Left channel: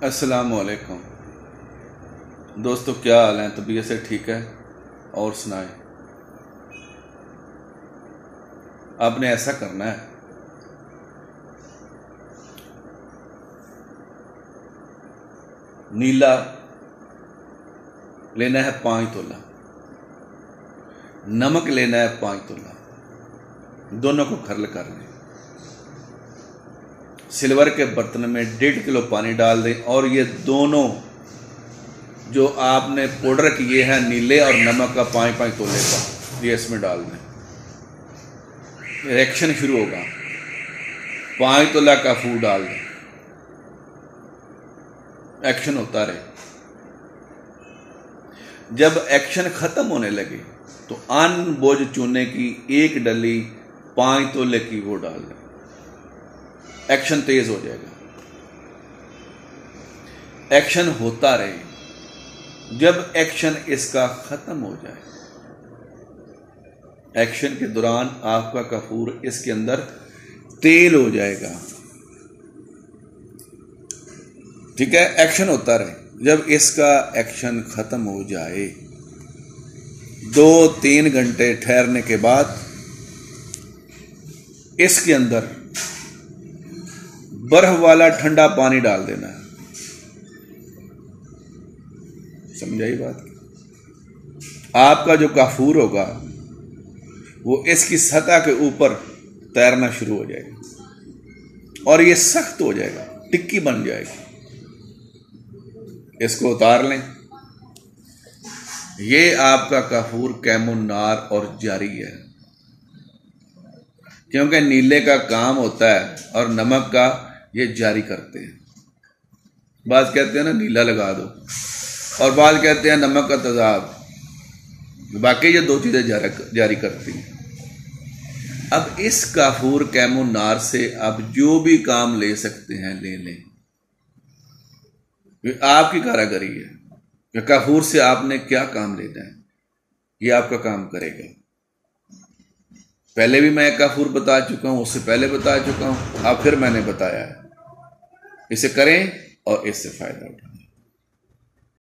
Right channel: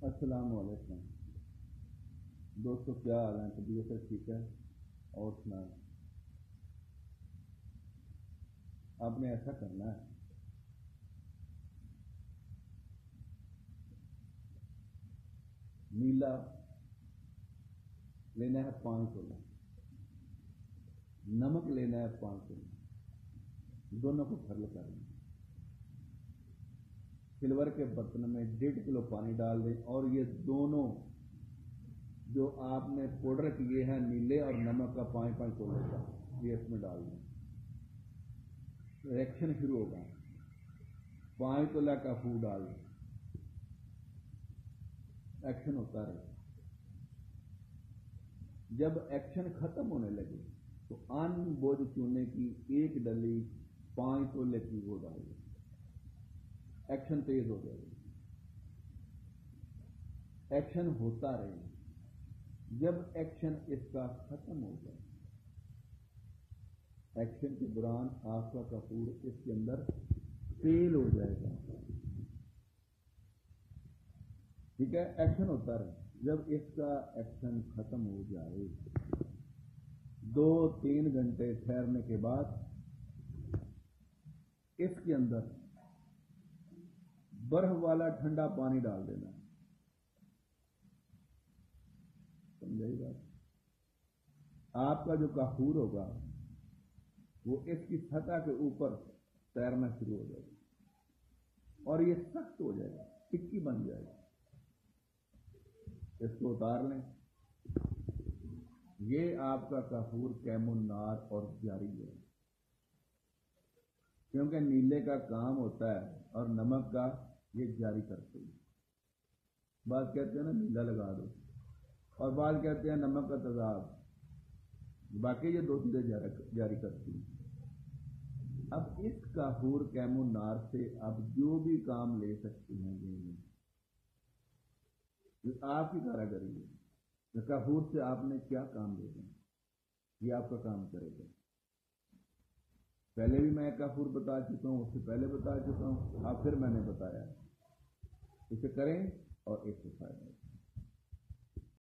अस्सलामुअलैकुम दोस्तों, क्या हाल है? तबीयत से ठीक है? और सुनाएं। आपने ऐसा करना है, नीला लेना है 5 तोला, नमक लेना है 5 तोला, दोनों को खरल कर लें। सिल्वर के बर्तन में 1.5 किलो पानी डाल दें और ये दोनों जो आपने पाउडर किए हैं नीले और नमक का 5-5 तोले का, ये इसमें डाल दें। रिएक्शन शुरू होगा। 5 तोला का फूड डाल दें, एक्शन होता रहे। जब एक्शन खत्म होने लगे तो अनबोझ चूने की 1 डली 5 तोले की वो डाल दें। एक्शन तेज हो जाएगा। एक्शन होता रहे। जब एक्शन इसका खत्म हो जाए, एक्शन के दौरान आपका कपूर इसके अंदर तेल हो जाएगा। ठीक है, एक्शन होता रहे। जब इसका एक्शन खत्म हो जाए, 2-3 घंटे ठहरने के बाद इसके अंदर बर्फ वाला ठंडा पानी डाल देना है। समझाई बात? आपका जो काफूर होगा वो इसकी सतह के ऊपर तैरना शुरू हो जाएगा और ये सख्त हो जाएगा, टिक्की बन जाएगी। इसको उतार लें। ये आपका काफूर कैमुन्नार और जारी है, क्योंकि नीले का काम होता है और नमक का ये जारी करते हैं। बात कहते हैं ना नीला लगा दो, और बात कहते हैं नमक का तेजाब। बाकी ये 2 चीज़ें जारी करती हैं। अब इस काफूर कैमुन्नार से आप जो भी काम ले सकते हैं ले लें। ये आपकी कारीगरी है कि काफूर से आपने क्या काम लेना है, ये आपका काम करेगा। पहले भी मैं काफूर बता चुका हूं, उससे पहले बता चुका हूं, अब फिर मैंने बताया है। इसे करें और इससे फायदा उठाएं।